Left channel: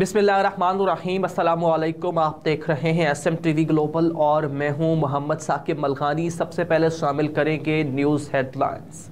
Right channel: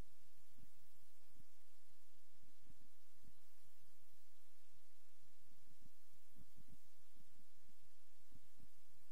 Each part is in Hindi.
बिस्मिल्लाहिर्रहमानिर्रहीम, अस्सलामुअलैकुम। आप देख रहे हैं SMTV ग्लोबल और मैं हूं मोहम्मद साकिब मलखानी। सबसे पहले शामिल करेंगे न्यूज़ हेडलाइंस।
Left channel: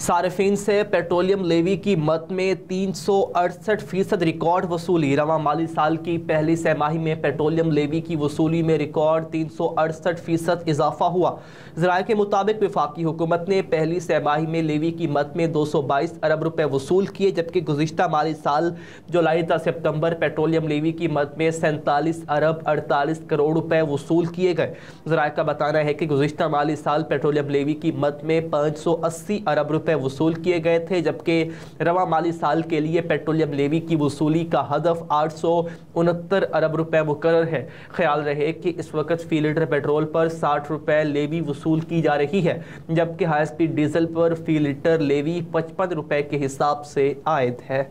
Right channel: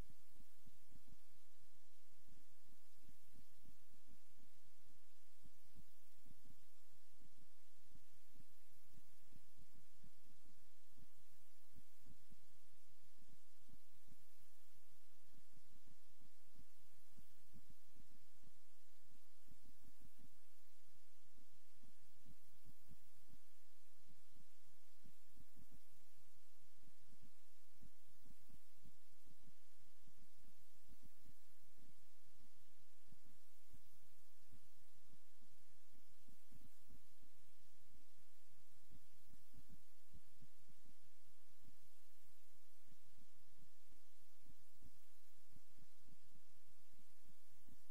सार्फिन से पेट्रोलियम लेवी की मद में 368% रिकॉर्ड वसूली। रवां माली साल की पहली तिमाही में पेट्रोलियम लेवी की वसूली में रिकॉर्ड 368% इजाफा हुआ। ज़राए के मुताबिक वफाकी हुकूमत ने पहली तिमाही में लेवी की मद में 222 अरब रुपए वसूल किए, जबकि गुज़िश्ता माली साल जुलाई ta सितंबर पेट्रोलियम लेवी की मद में 47 अरब 48 करोड़ रुपए वसूल किए गए। ज़राए का बताना है कि गुज़िश्ता माली साल पेट्रोलियम लेवी की मद में 580 अरब रुपए वसूल किए गए थे, जबकि रवां माली साल के लिए पेट्रोलियम लेवी की वसूली का हदफ 869 अरब रुपए मुकर्रर है। ख्याल रहे कि इस वक्त फी लीटर पेट्रोल पर 60 रुपए लेवी वसूल की जा रही है, जबकि हाई स्पीड डीजल पर फी लीटर लेवी 55 रुपए के हिसाब से आयद है।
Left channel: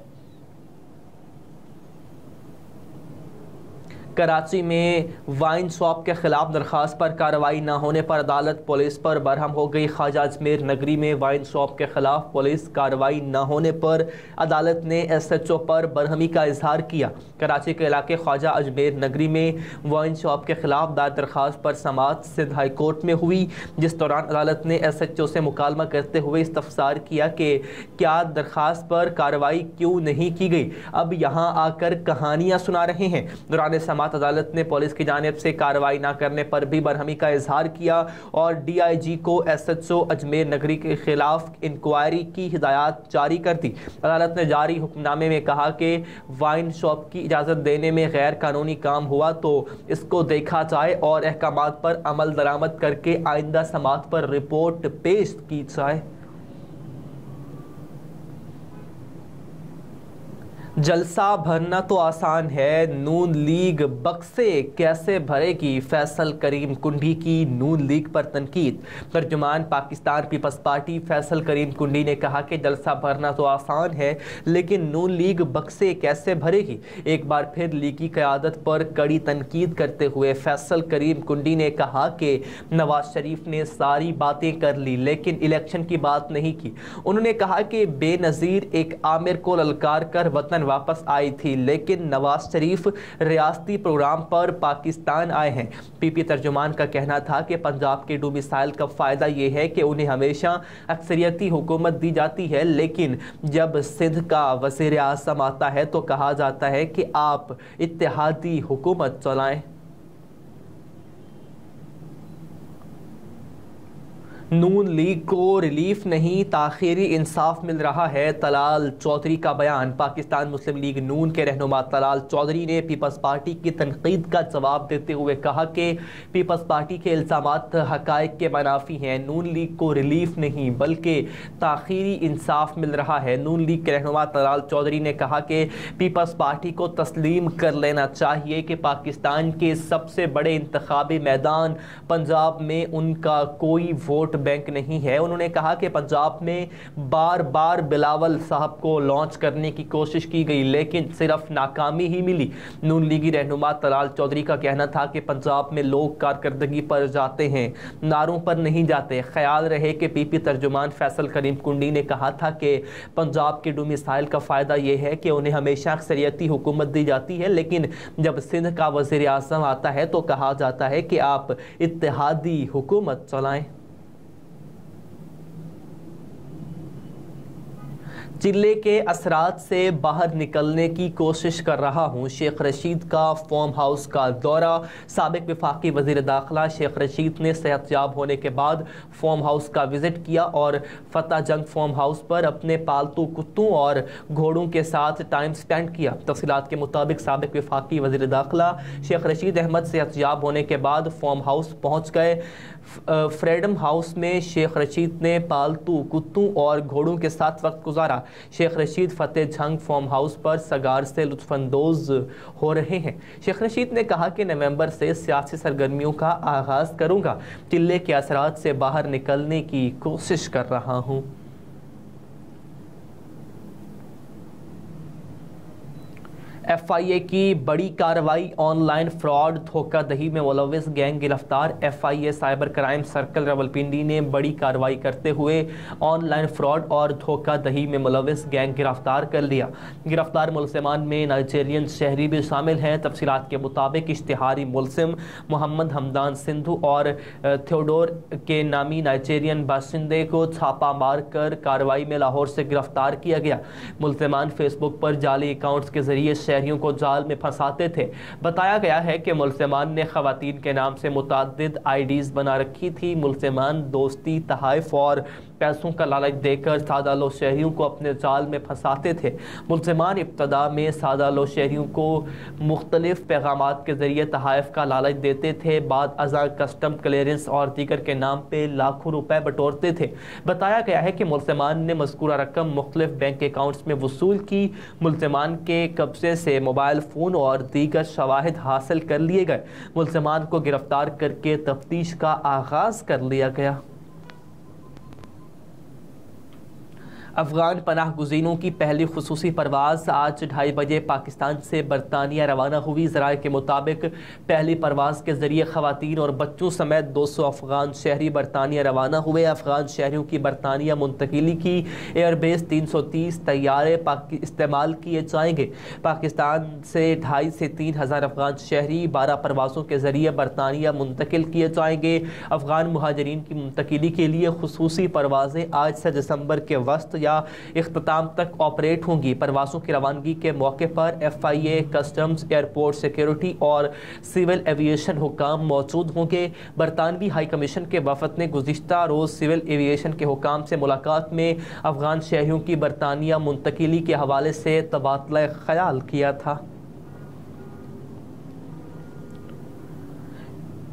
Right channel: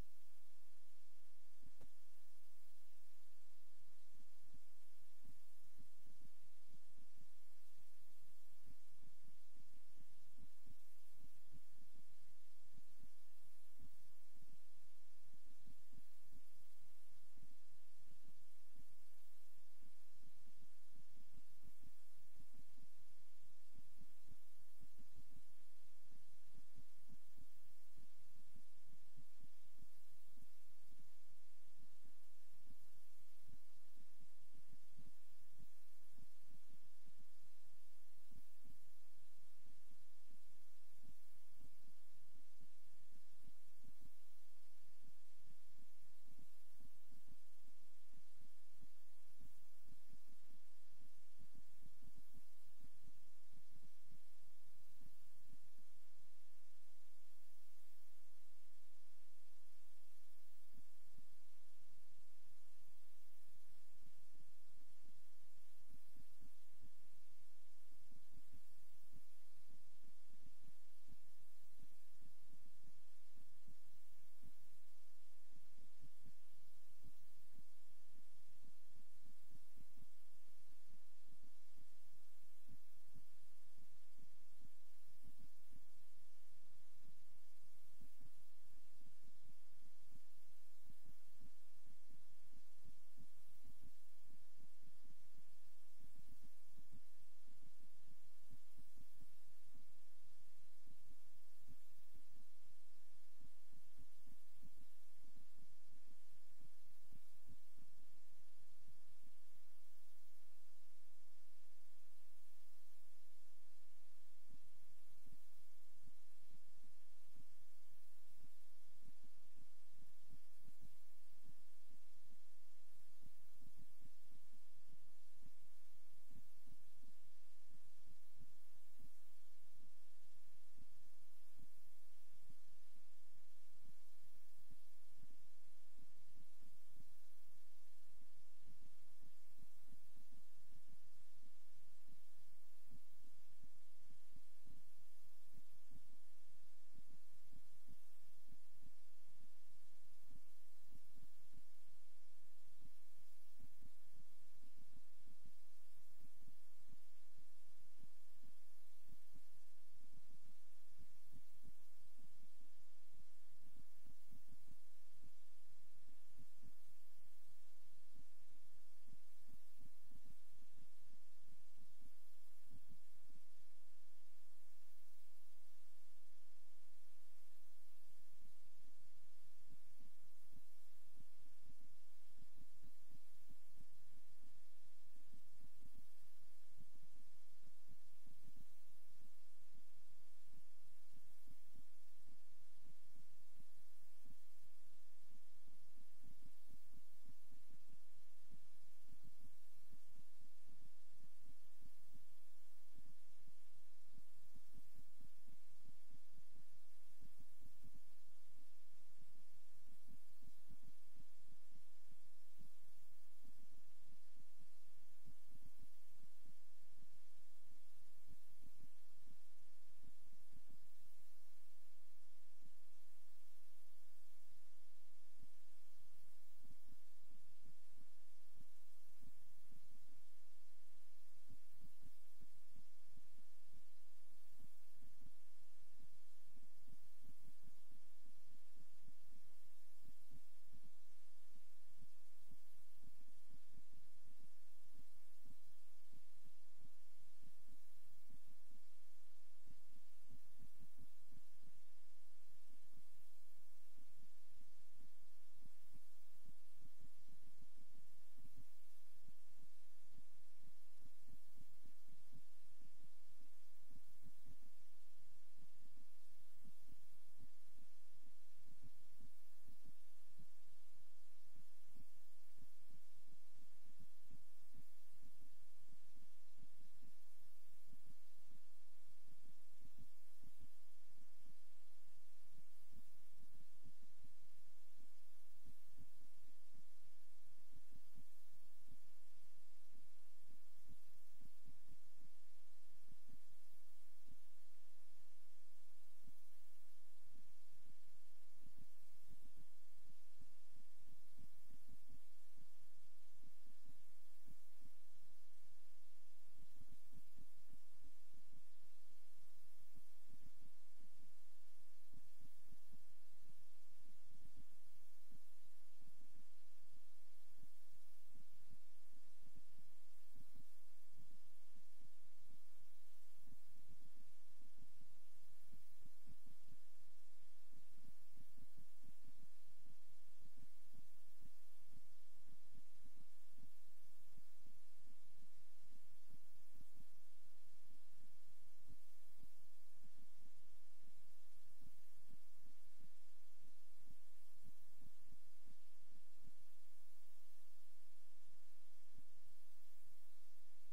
कराची में वाइन शॉप के खिलाफ दरखास्त पर कार्रवाई न होने पर अदालत पुलिस पर बरहम हो गई। ख्वाजा अजमेर नगरी में वाइन शॉप के खिलाफ पुलिस कार्रवाई न होने पर अदालत ने SHO पर बरहमी का इजहार किया। कराची के इलाके ख्वाजा अजमेर नगरी में वाइन शॉप के खिलाफ दायर दरखास्त पर समाअत सिंध हाई कोर्ट में हुई, जिस दौरान अदालत ने SHO से मुकालमा करते हुए इस्तफसार किया कि क्या दरखास्त पर कार्रवाई क्यों नहीं की गई, अब यहाँ आकर कहानियाँ सुना रहे हैं। दौरान अदालत ने पुलिस की जानिब से कार्रवाई न करने पर भी बरहमी का इजहार किया और DIG को SHO अजमेर नगरी के खिलाफ इंक्वायरी की हिदायत जारी कर दी। अदालत ने जारी हुक्मनामे में कहा कि वाइन शॉप की इजाज़त देने में गैर कानूनी काम हुआ तो इसको देखा जाए और अहकामात पर अमल दरामद करके आइंदा समाअत पर रिपोर्ट पेश की जाए। जलसा भरना तो आसान है, नून लीग बक्से कैसे भरेगी, फैसल करीम कुंडी की नून लीग पर तनकीद। तर्जुमान पाकिस्तान पीपल्स पार्टी फैसल करीम कुंडी ने कहा कि जलसा भरना तो आसान है, लेकिन नून लीग बक्से कैसे भरेगी। एक बार फिर लीगी क़यादत पर कड़ी तनकीद करते हुए फैसल करीम कुंडी ने कहा कि नवाज शरीफ ने सारी बातें कर ली लेकिन इलेक्शन की बात नहीं की। उन्होंने कहा कि बेनज़ीर एक आमिर को ललकार कर वतन वापस आई थी, लेकिन नवाज शरीफ रियासती प्रोग्राम पर पाकिस्तान आए हैं। PP तर्जुमान का कहना था कि पंजाब के डोमिसाइल का फायदा यह है कि उन्हें हमेशा अक्सरियती हुकूमत दी जाती है, लेकिन जब सिंध का वज़ीर आज़म आता है तो कहा जाता है कि आप इत्तेहादी हुकूमत चलाएं। नून लीग को रिलीफ नहीं ताखीरी इंसाफ मिल रहा है, तलाल चौधरी का बयान। पाकिस्तान मुस्लिम लीग नून के रहनुमा तलाल चौधरी ने पीपल्स पार्टी की तनकीद का जवाब देते हुए कहा कि पीपल्स पार्टी के इल्ज़ामात हक़ाइक़ के मुनाफी हैं। नून लीग को रिलीफ नहीं बल्कि ताखीरी इंसाफ मिल रहा है। नून लीग के रहनुमा तलाल चौधरी ने कहा कि पीपल्स पार्टी को तस्लीम कर लेना चाहिए कि पाकिस्तान के सबसे बड़े इंतखाबी मैदान पंजाब में उनका कोई वोट बैंक नहीं है। उन्होंने कहा कि पंजाब में बार बार बिलावल साहब को लॉन्च करने की कोशिश की गई लेकिन सिर्फ नाकामी ही मिली। नून लीगी रहनुमा तलाल चौधरी का कहना था कि पंजाब में लोग कारकर्दगी पर जाते हैं, नारों पर नहीं जाते। ख्याल रहे कि PP तर्जुमान फैसल करीम कुंडी ने कहा था कि पंजाब के डोमिसाइल का फ़ायदा यह है कि उन्हें हमेशा अक्सरियती हुकूमत दी जाती है, लेकिन जब सिंध का वज़ीर आज़म आता है तो कहा जाता है कि आप इत्तेहादी हुकूमत चलाएं। चिल्ले के असरात से बाहर निकलने की कोशिश कर रहा हूँ। शेख रशीद का फार्म हाउस का दौरा। साबिक वफाकी वज़ीर दाखिला शेख रशीद ने सेहतयाब होने के बाद फार्म हाउस का विज़िट किया और फतेह जंग फार्म हाउस पर अपने पालतू कुत्तों और घोड़ों के साथ टाइम स्पेंड किया। तफसीलात के मुताबिक साबिक वफाकी वज़ीर दाखिला शेख रशीद अहमद सेहतयाब होने के बाद फार्म हाउस पहुँच गए। फ्रीडम हाउस में शेख रशीद ने पालतू कुत्तों और घोड़ों के साथ वक्त गुजारा। शेख रशीद फतेह जंग फार्म हाउस पर सगार से लुत्फानंदोज हो रहे हैं। शेख रशीद ने कहा कि नवंबर से सियासी सरगर्मियों का आगाज करूंगा, चिल्ले के असरात से बाहर निकलने की कोशिश कर रहा हूं। FIA की बड़ी कार्रवाई, ऑनलाइन फ्रॉड धोखाधड़ी में मुलव्विस गैंग गिरफ्तार। FIA cyber crime circle Rawalpindi ने बड़ी कार्रवाई करते हुए ऑनलाइन फ्रॉड और धोखाधड़ी में मुलव्विस गैंग गिरफ्तार कर लिया। गिरफ्तार मुलजमान में नाइजीरियन शहरी भी शामिल हैं। तफसीलात के मुताबिक इश्तिहारी मुलजिम मोहम्मद हमदान सिंधु और थियोडोर के नामी नाइजीरियन बाशिंदे को छापा मारकर कार्रवाई में लाहौर से गिरफ्तार किया गया। मुलजमान फेसबुक पर जाली अकाउंट्स के जरिए शहरियों को जाल में फंसाते थे। बताया गया है कि मुलजमान ने खवातीन के नाम से मुतादिद IDs बना रखी थी। मुलजमान दोस्ती, तहाइफ और पैसों का लालच देकर सादा लो शहरियों को अपने जाल में फंसाते थे। मुलजमान इब्तदा में सादा लो शहरियों को मुख्तलिफ पैगामात के जरिए तहाइफ का लालच देते थे। बाद अज़ा कस्टम क्लियरेंस और दीगर के नाम पे लाखों रुपए बटोरते थे। बताया गया है कि मुलजमान ने मज़कूरा रकम मुख्तलिफ बैंक अकाउंट्स में वसूल की। मुलजमान के कब्जे से मोबाइल फ़ोन और दीगर शवाहिद हासिल कर लिए गए। मुलजमान को गिरफ्तार करके तफ्तीश का आगाज़ कर लिया गया। अफगान पनाह गुज़ीनों की पहली खुसूसी परवाज़ आज 2:30 बजे पाकिस्तान से बरतानिया रवाना हुई। ज़राए के मुताबिक पहली परवाज़ के ज़रिए ख़वातीन और बच्चों समेत 200 अफगान शहरी बरतानिया रवाना हुए। अफगान शहरियों की बरतानिया मुंतकिली की एयरबेस 330 तैयारे इस्तेमाल किए जाएंगे। पाकिस्तान से 2,500 से 3,000 अफगान शहरी 12 परवाज़ों के ज़रिए बरतानिया मुंतकिल किए जाएंगे। अफगान मुहाजिरीन की मुंतकिली के लिए खुसूसी परवाज़ें आज से दिसंबर के वस्त या इख्तिताम तक ऑपरेट होंगी। परवाज़ों की रवानगी के मौके पर FIA, कस्टम्स, एयरपोर्ट सिक्योरिटी और सिविल एविएशन हुकाम मौजूद होंगे। बरतानवी हाई कमीशन के वफद ने गुज़िश्ता रोज़ सिविल एविएशन के हुकाम से मुलाकात में अफगान शहरियों की बरतानिया मुंतकिली के हवाले से तबादला ख्याल किया था।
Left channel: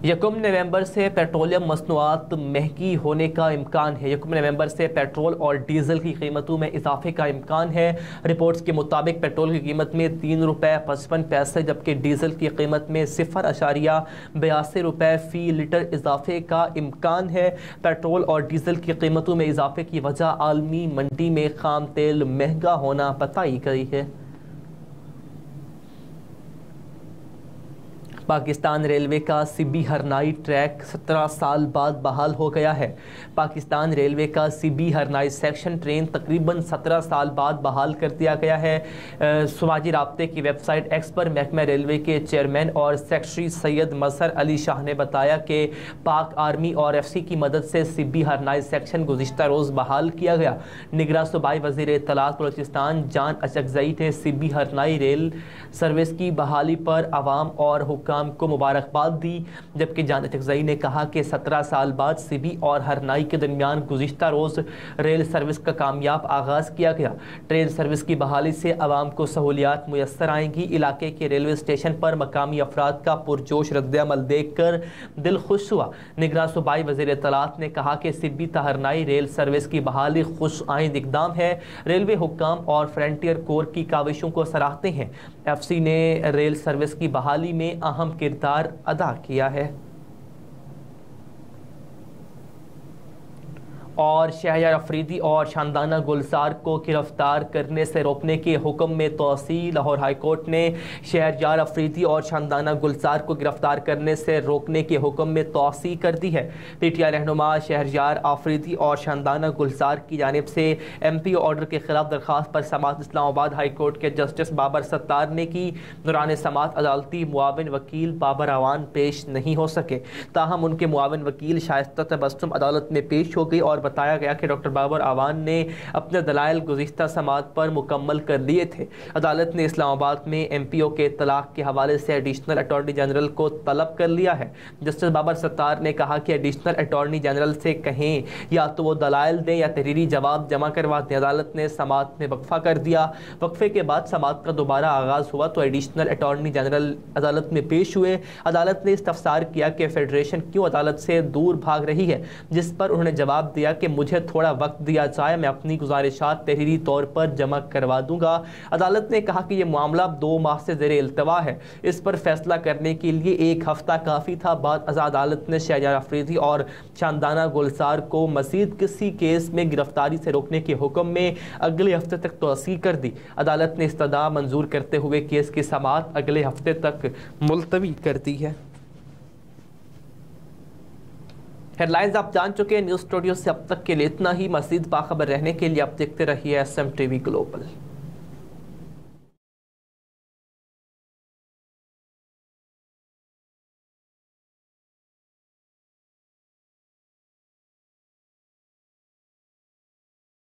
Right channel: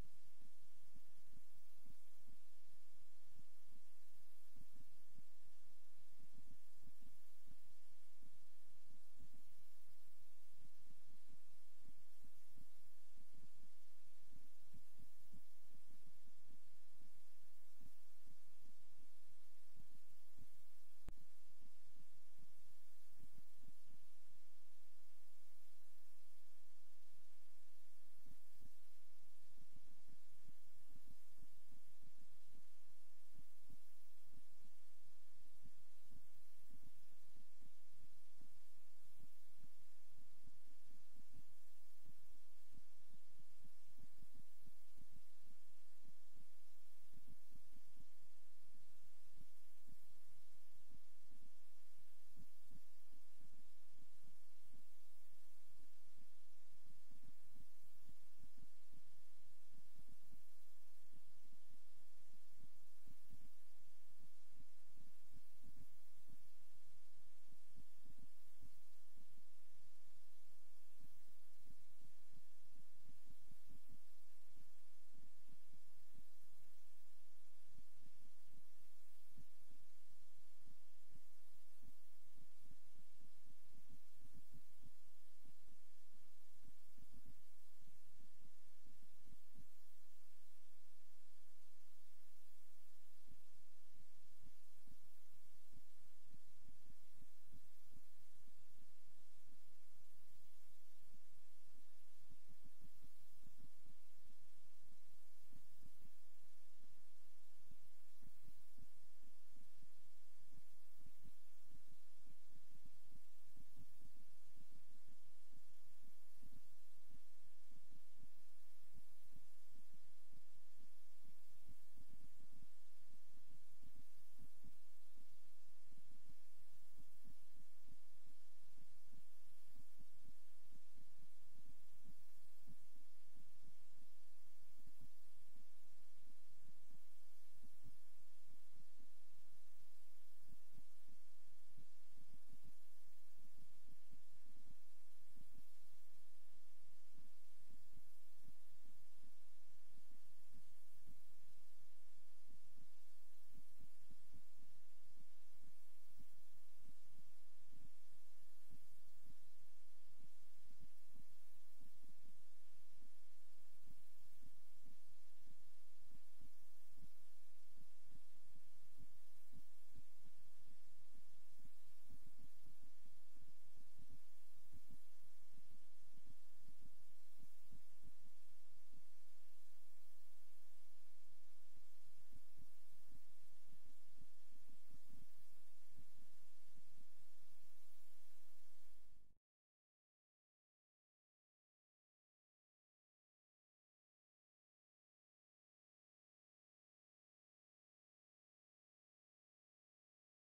1 नवंबर से पेट्रोलियम मसनूआत महंगी होने का इम्कान है। 1 नवंबर से पेट्रोल और डीजल की कीमतों में इजाफे का इम्कान है। रिपोर्ट्स के मुताबिक पेट्रोल की कीमत में ₹3.55 जबकि डीजल की कीमत में 0.82 रुपये फ़ी लीटर इजाफे का इम्कान है। पेट्रोल और डीजल की कीमतों में इजाफे की वजह आलमी मंडी में खाम तेल महंगा होना बताई गई है। पाकिस्तान रेलवे का सिब्बी हरनाई ट्रैक 17 साल बाद बहाल हो गया है। पाकिस्तान रेलवे का सिब्बी हरनाई सेक्शन ट्रेन तकरीबन 17 साल बाद बहाल कर दिया गया है। समाजी राब्ते की वेबसाइट X पर महकमा रेलवे के चेयरमैन और सेक्रेटरी सैयद मजहर अली शाह ने बताया कि पाक आर्मी और FC की मदद से सिब्बी हरनाई सेक्शन गुज़िश्ता रोज़ बहाल किया गया। निगरान सूबाई वज़ीर इत्तलात बलूचिस्तान जान अचकज़ई ने सिब्बी हरनाई रेल सर्विस की बहाली पर आवाम और हुक्काम को मुबारकबाद दी। जबकि जान अचकज़ई ने कहा कि 17 साल बाद सिबी और हरनाई के दरमियान गुज़िश्ता रोज़ रेल सर्विस का कामयाब आगाज़ किया गया। ट्रेन सर्विस की बहाली से आवाम को सहूलियात मुयस्सर आएंगी। इलाके के रेलवे स्टेशन पर मकामी अफराद का पुरजोश रद्द-ए-अमल देख कर दिल खुश हुआ। निगरान सूबाई वज़ीर इत्तलात ने कहा कि सिब्बी हरनाई रेल सर्विस की बहाली खुश आइंद इक़दाम है। रेलवे हुक्काम और फ्रंटियर कोर की काविशों को सराहते हैं। FC ने रेल सर्विस की बहाली में अहम किरदार अदा किया है। और शहरयार अफरीदी और शानदाना गुलजार को गिरफ्तार करने से रोकने के हुक्म में तोसी। लाहौर हाई कोर्ट ने शहरयार अफरीदी और शानदाना गुलजार को गिरफ्तार करने से रोकने के हुक्म में तोसी कर दी है। PTI रहनुमा शहरयार अफरीदी और शानदाना गुलजार की जानिब से MP ऑर्डर के खिलाफ दरख्वास्त पर समात इस्लामाबाद हाई कोर्ट के जस्टिस बाबर सत्तार ने की। दौरान समात अदालती मुआविन वकील बाबर आवान पेश नहीं हो सके। ताहम उनके मुआविन वकील शाइस्ता तबस्सुम अदालत में पेश हो गई और बताया गया कि डॉक्टर बाबर आवान ने अपने दलाइल गुज़िश्ता समात पर मुकम्मल कर लिए थे। अदालत ने इस्लामाबाद में MPO के तलाक के हवाले से एडिशनल अटॉर्नी जनरल को तलब कर लिया है। जस्टिस बाबर सत्तार ने कहा कि एडिशनल अटॉर्नी जनरल से कहें या तो वो दलाइल दें या तहरीरी जवाब जमा करवा दें। अदालत ने समात में वक्फा कर दिया। वक्फे के बाद समात का दोबारा आगाज़ हुआ तो एडिशनल अटॉर्नी जनरल अदालत में पेश हुए। अदालत ने इस्तफसार किया कि फेडरेशन क्यों अदालत से दूर भाग रही है, जिस पर उन्होंने जवाब दिया किया कि मुझे थोड़ा वक्त दिया जाए, मैं अपनी गुजारिशात तहरीरी तौर पर जमा करवा दूंगा। अदालत ने कहा कि यह मामला 2 माह से ज़ेरे इल्तवा है, इस पर फैसला करने के लिए 1 हफ्ता काफ़ी था। बाद अदालत ने शहरयार अफरीदी और शानदाना गुलजार को मज़ीद किसी केस में गिरफ्तारी से रोकने के हुक्म में अगले हफ्ते तक तोसी कर दी। अदालत ने इस्तदा मंजूर करते हुए केस की समाअत अगले हफ्ते तक मुलतवी कर दी है। हेडलाइंस आप जान चुके हैं। न्यूज़ स्टूडियो से अब तक के लिए इतना ही। मज़ीद बाखबर रहने के लिए आप देखते रहिए SM TV ग्लोबल।